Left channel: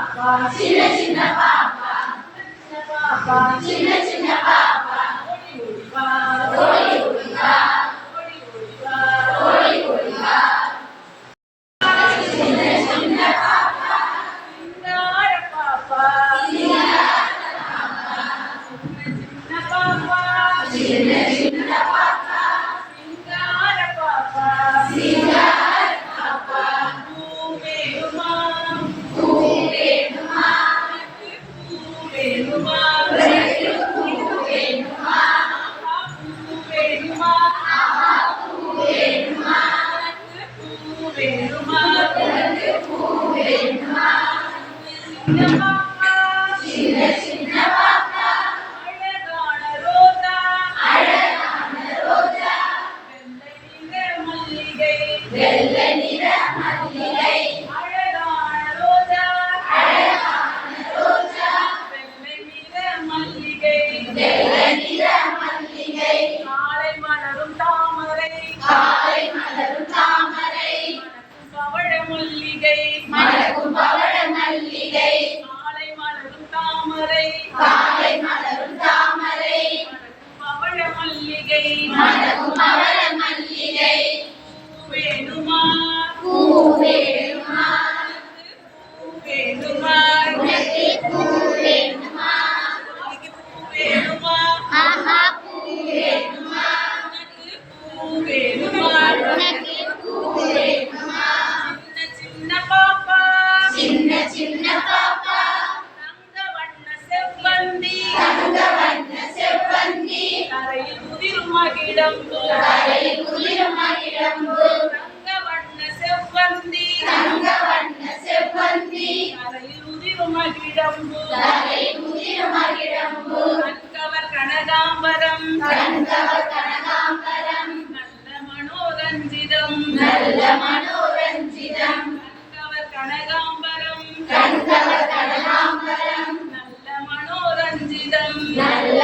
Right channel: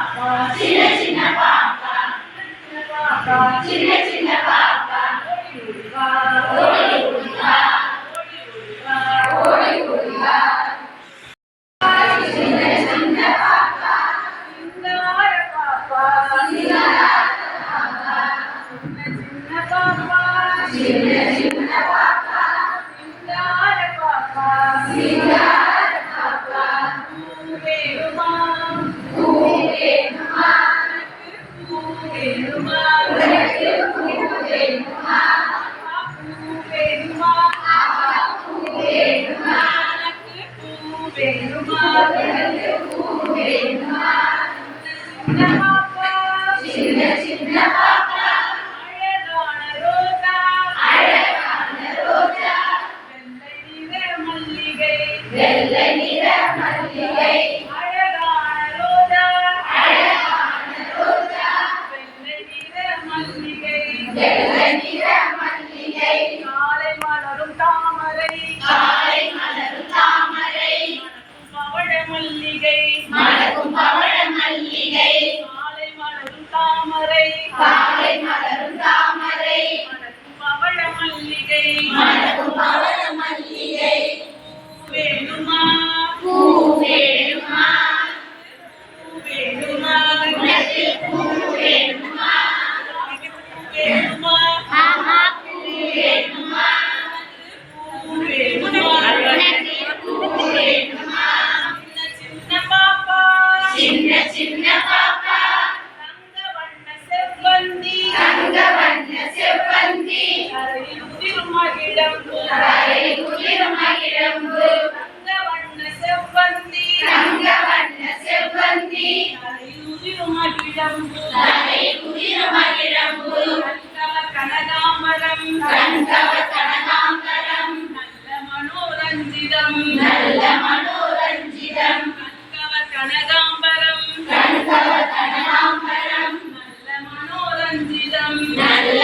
சின்ன சின்ன பாப்பா சின்ன சின்ன பாப்பா ஓடி ஓடி வா ஓடி ஓடி வா சின்ன சின்ன பாப்பா சிங்கார பாப்பா சின்ன பாப்பா சின்ன சின்ன பாப்பா சிங்கார பாப்பா சிங்கார பாப்பா பூவேணுமா பூவேணுமா பூவேணுமா உனக்கு பூவேணுமா பூவேணுமா பூவேணுமா உனக்கு பூவேணுமா உனக்கு பூவேணுமா சின்ன பாப்பா சின்ன சின்ன பாப்பா அழகான ரோஜா அழகான ரோஜா வெள்ளை நிற மல்லிகை வெள்ளை நிற மல்லிகை அழகான ரோஜா அழகான ரோஜா வெள்ளை நிற மல்லிகை வெள்ளை நிற மல்லிகை காலை மலரும் தாமரை காலை மலரும் தாமரை மணக்கும் பவழ மல்லிகை மணக்கும் பவழ மல்லிகை காலை மலரும் தாமரை காலை மலரும் தாமரை மணக்கும் பவழ மல்லிகை மணக்கும் பவழ மல்லிகை பூவேணுமா பூவேணுமா பூவேணுமா உனக்கு பூவேணுமா பூவேணுமா ஆஹா பூவேணுமா உனக்கு பூவேணுமா உனக்கு பூவேணுமா சின்ன சின்ன பாப்பா சின்ன சின்ன பாப்பா தங்க வண்ண செவ்வந்தி தங்க வண்ண செவ்வந்தி கரையில் உதிரும் மகிழம்பு கரையில் உதிரும் மகிழம்பு தங்க வண்ண செவ்வந்தி தங்க வண்ண செவ்வந்தி கரையில் உதிரும் மகிழம்பு கரையில் உதிரும் மகிழம்பு கண்கவர் கனகாம்பரம் கண்கவர் கனகாம்பரம் நல்ல மனோரஞ்சிதம் நல்ல மனோரஞ்சிதம் கண்கவர் கனகாம்பரம் கண்கவர் கனகாம்பரம் நல்ல மனோரஞ்சிதம் நல்ல